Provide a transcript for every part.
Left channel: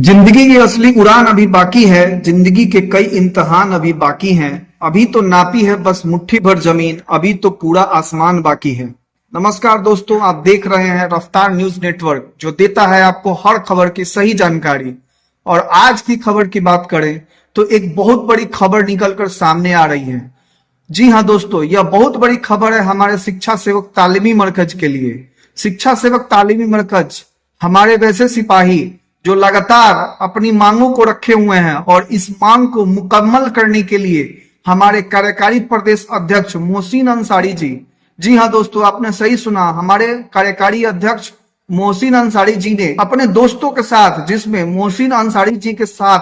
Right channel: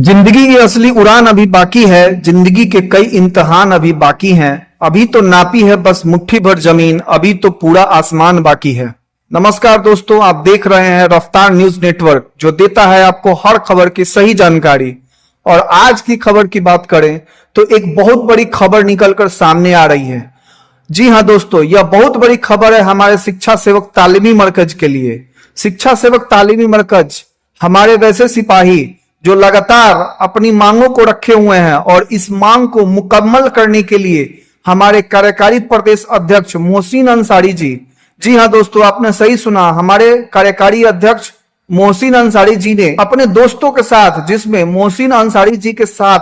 जिंदगी की असली उड़ान अभी बाकी है। जिंदगी के कई इम्तिहान अभी बाकी हैं। अभी तो नापी है बस मुट्ठी भर जमीन, अभी तो पूरा आसमान बाकी है। नमस्कार दोस्तों, आप देख रहे हैं रफ्तार न्यूज नेटवर्क, जो देता है आपको हर खबर की सही जानकारी। और आज की खबर की बात करें तो एक बहुत बड़ी खबर निकलकर सामने आ रही है। जी हाँ दोस्तों, यह बहुत बड़ी खबर है हमारे शिक्षा सेवक तालीमी मरकज के लिए। शिक्षा सेवक तालीमी मरकज हमारे वैसे सिपाही जो लगातार अपनी मांगों को रखे हुए हैं और इस मांग को मुकम्मल करने के लिए हमारे कार्यकारी प्रदेश अध्यक्ष मोहसिन अंसारी जी हाँ दोस्तों, आपने सही सुना, हमारे कार्यकारी अध्यक्ष मोहसिन अंसारी जी ने अपने दोस्तों के साथ, जिसमें मोहसिन अंसारी जी के साथ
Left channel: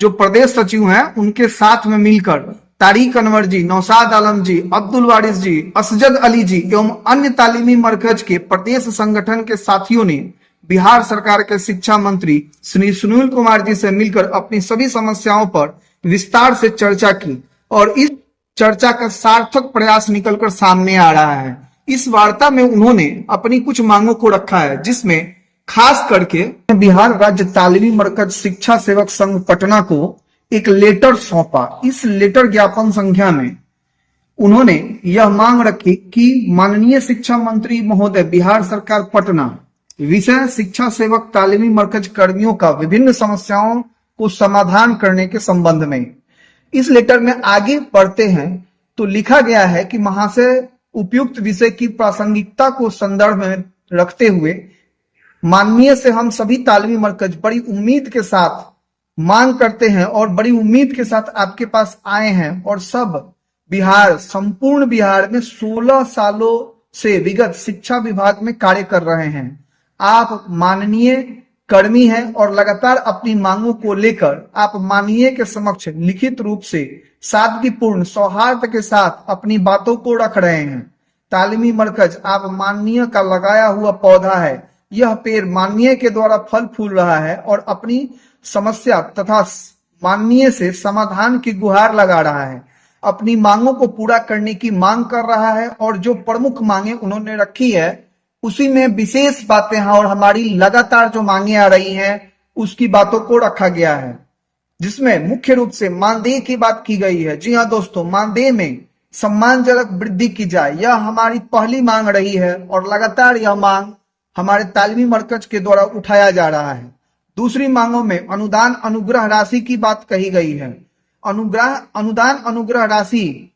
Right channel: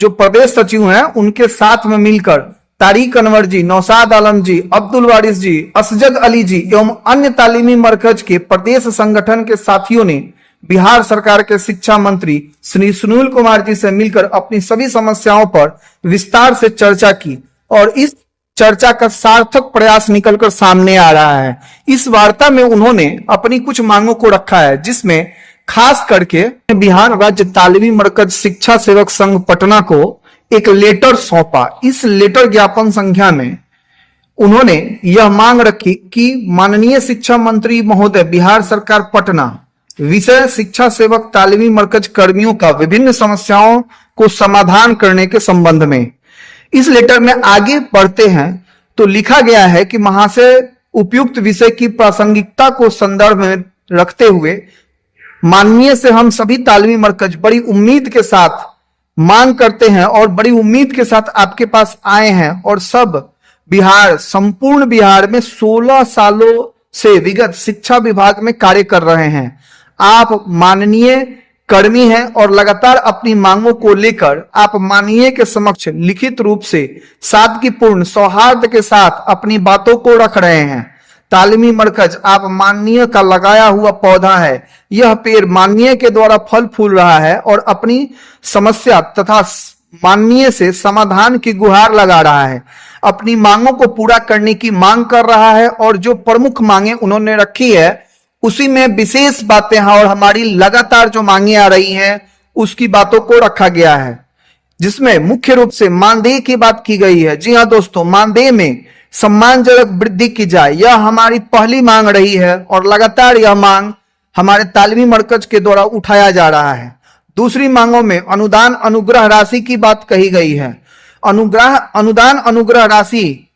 जो प्रदेश सचिव हैं उनके साथ में मिलकर तारिक अनवर जी, नौशाद आलम जी, अब्दुल वारिस जी, असजद अली जी एवं अन्य तालीमी मरकज के प्रदेश संगठन के साथियों ने बिहार सरकार के शिक्षा मंत्री श्री सुनील कुमार जी से मिलकर अपनी सभी समस्याओं पर विस्तार से चर्चा की और इस चर्चा का सार्थक प्रयास निकलकर सामने आ रहा है। इस वार्ता में उन्होंने अपनी कुछ मांगों को रखा है, जिसमें खास करके बिहार राज्य तालीमी मरकज शिक्षा सेवक संघ पटना को एक लेटर सौंपा। इस लेटर ज्ञापन संख्या में उन्होंने यह मांग रखी कि माननीय शिक्षा मंत्री महोदय, बिहार सरकार पटना विषय शिक्षा सेवक तालीमी मरकज कर्मियों का विभिन्न समस्याओं को समाधान करने के संबंध में। इस लेटर में आगे बढ़ते हैं तो लिखा गया है कि महाशय, उपयुक्त विषय की प्रासंगिकता को संदर्भ में रखते हुए माननीय से हम सभी तालीमी मरकज बड़ी उम्मीद के साथ मांग करते हैं और बड़ी उम्मीद के साथ आपके पास आए हैं और सब संपूर्ण बिहार में 16 सालों से विगत शिक्षा विभाग में कार्य कर रहे हैं। आप माननीय कर्मी हैं और लगातार अपनी मांगों को लेकर आप माननीय के समक्ष लिखित रूप से सादगीपूर्ण सौहार्द के साथ अपनी बातों को रख रहे हैं। तालीमी मरकज आप माननीय का लगाया हुआ पौधा है, यह पेड़ माननीय के द्वारा फल फूल रहा है और अपनी समस्या तथा माननीय से समाधान की गुहार लगा रहा है, अपनी मांगों को पूरा करने की मांग कर रहा है। और जो प्रमुख मांगे उन्होंने रखी है उसी में विशेष बातें हैं और हमारी लगातार जो मांगे आ रही हैं उसकी बातों को रखा गया है, जिसमें मुख्य रूप से मानदेय की बात की गई है। जी हाँ दोस्तों, मानदेय में सम्मानजनक वृद्धि की जाए, यह हमारी पहली मांग रही है और लगातार यह मांग हमारे तालीमी मरकज के द्वारा उठाया जा रहा है। दूसरी मांगों में अनुदान अनुग्रह राशि की बात कही गई है। अनुदान अनुग्रह राशि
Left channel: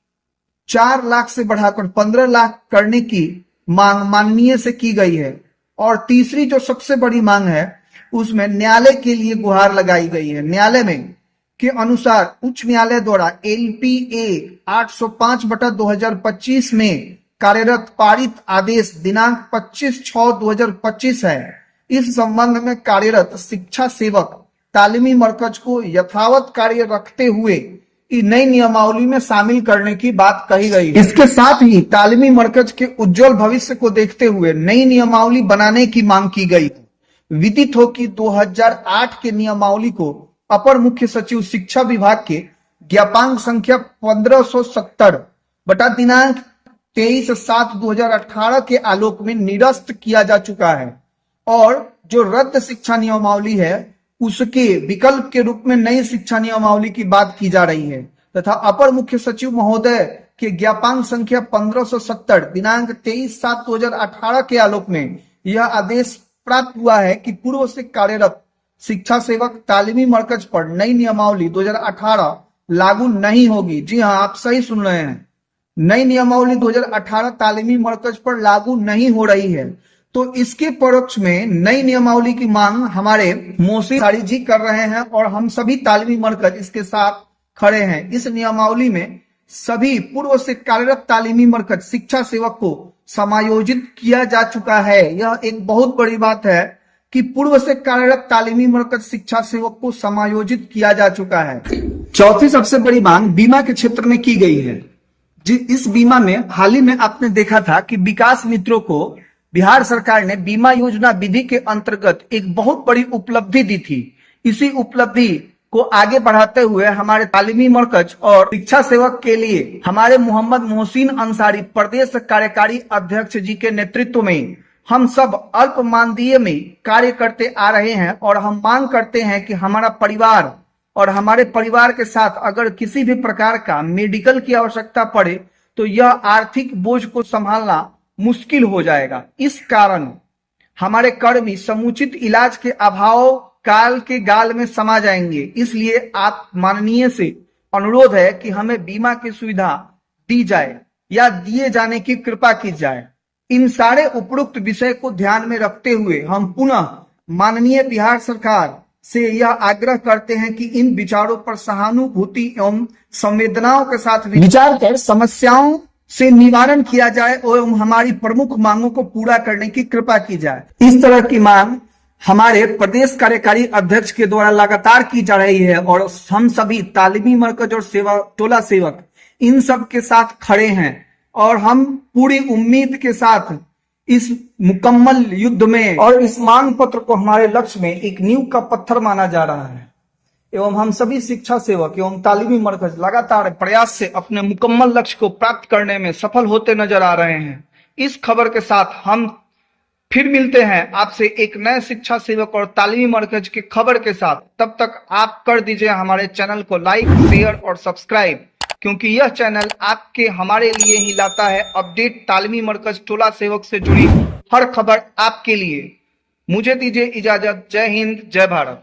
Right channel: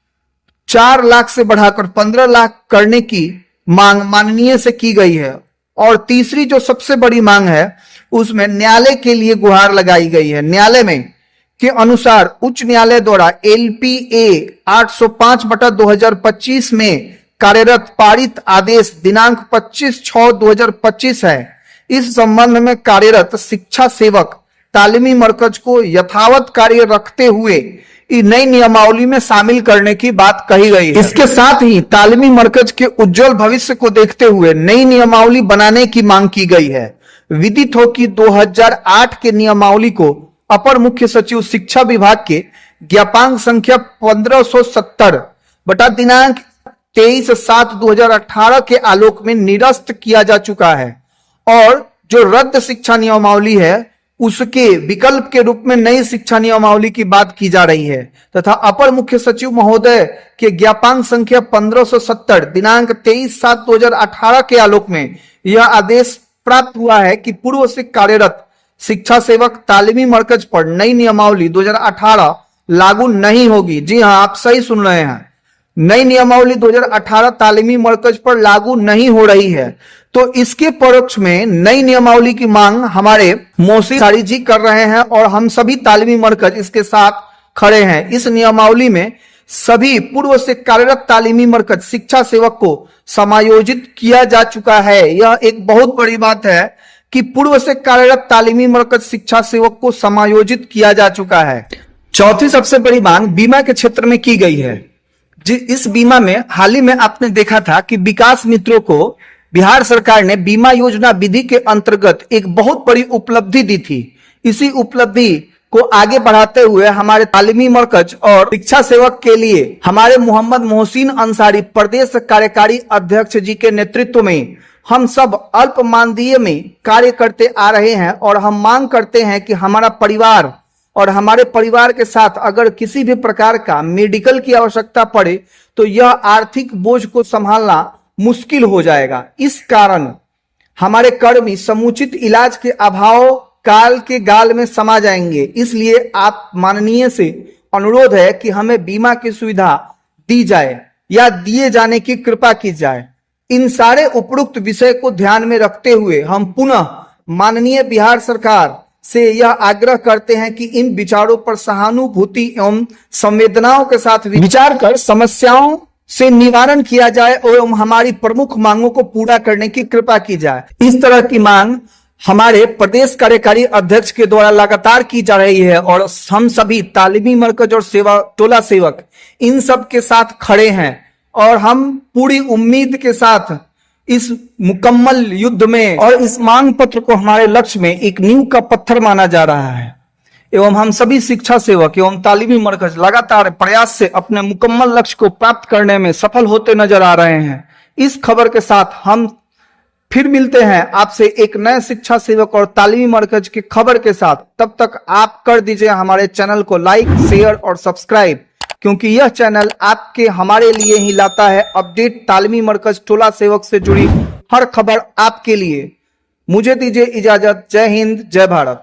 4 लाख से बढ़ाकर 15 लाख करने की मांग माननीय से की गई है। और तीसरी जो सबसे बड़ी मांग है उसमें न्यायालय के लिए गुहार लगाई गई है। न्यायालय में के अनुसार उच्च न्यायालय द्वारा LPA 805/2025 में कार्यरत पारित आदेश दिनांक 25/6/2025 है। इस संबंध में कार्यरत शिक्षा सेवक तालीमी मरकज को यथावत कार्य रखते हुए नई नियमावली में शामिल करने की बात कही गई है। इसके साथ ही तालीमी मरकज के उज्जवल भविष्य को देखते हुए नई नियमावली बनाने की मांग की गई है। विदित हो कि 2008 के नियमावली को अपर मुख्य सचिव शिक्षा विभाग के ज्ञापांक संख्या 1570 बटा दिनांक 23/7/2018 के आलोक में निरस्त किया जा चुका है और जो रद्द शिक्षा नियमावली है उसके विकल्प के रूप में नई शिक्षा नियमावली की बात की जा रही है तथा अपर मुख्य सचिव महोदय के ज्ञापांक संख्या 1570 दिनांक 23/7/2018 के आलोक में यह आदेश प्राप्त हुआ है कि पूर्व से कार्यरत शिक्षा सेवक तालीमी मरकज पर नई नियमावली 2018 लागू नहीं होगी। जी हाँ, आप सही सुन रहे हैं, नई नियमावली 2018 तालीमी मरकज पर लागू नहीं हो रही है। तो इसके परोक्ष में नई नियमावली की मांग हमारे मोहसिन अंसारी जी कर रहे हैं और हम सभी तालीमी मरकज इसके साथ खड़े हैं। इस नियमावली में सभी पूर्व से कार्यरत तालीमी मरकज शिक्षा सेवक को समायोजित किया जा चुका है। यह एक बहुत बड़ी बात है कि पूर्व से कार्यरत तालीमी मरकज शिक्षा सेवक को समायोजित किया जा चुका है। चौथी सबसे बड़ी मांग बीमा के क्षेत्र में की गई है। इस बीमा में हाल ही में आपने देखा था कि विकास मित्रों को बिहार सरकार ने बीमा योजना विधि के अंतर्गत एक बहुत बड़ी उपलब्धि दी थी। इसी उपलब्धि को आगे बढ़ाते हुए हमारे तालीमी मरकज और शिक्षा सेवक के लिए हमारे मोहम्मद मोहसिन अंसारी प्रदेश कार्यकारी अध्यक्ष जी के नेतृत्व में हम सब अल्प मानदेय में कार्य करते आ रहे हैं और हम मांग करते हैं कि हमारा परिवार और हमारे परिवार के साथ अगर किसी भी प्रकार का मेडिकल की आवश्यकता पड़े तो यह आर्थिक बोझ को संभालना मुश्किल हो जाएगा। इस कारण हमारे कर्मी समुचित इलाज के अभाव काल के गाल में समा जाएंगे। इसलिए आप माननीय से अनुरोध है कि हमें बीमा की सुविधा दी जाए या दिए जाने की कृपा की जाए। इन सारे उपरोक्त विषय को ध्यान में रखते हुए हम पुनः माननीय बिहार सरकार से यह आग्रह करते हैं कि इन विचारों पर सहानुभूति एवं संवेदनाओं के साथ विचार कर समस्याओं से निवारण किया जाए एवं हमारी प्रमुख मांगों को पूरा करने की कृपा की जाए। इस तरह की मांग हमारे प्रदेश कार्यकारी अध्यक्ष के द्वारा लगातार की जा रही है और हम सभी तालीमी मरकज और सेवा टोला सेवक इन सब के साथ खड़े हैं और हम पूरी उम्मीद के साथ इस मुकम्मल युद्ध में और इस मांग पत्र को हमारे लक्ष्य में एक नींव का पत्थर माना जा रहा है एवं हम सभी शिक्षा सेवक एवं तालीमी मरकज लगातार प्रयास से अपने मुकम्मल लक्ष्य को प्राप्त करने में सफल होते नजर आ रहे हैं। इस खबर के साथ हम फिर मिलते हैं आपसे एक नए शिक्षा सेवक और तालीमी मरकज की खबर के साथ। तब तक आप कर दीजिए हमारे चैनल को लाइक, शेयर और सब्सक्राइब, क्योंकि यह चैनल आपके हमारे लिए ही लाता है अपडेट तालीमी मरकज टोला सेवक से जुड़ी हर खबर आपके लिए। मुझे दीजिए इजाजत। जय हिंद, जय भारत।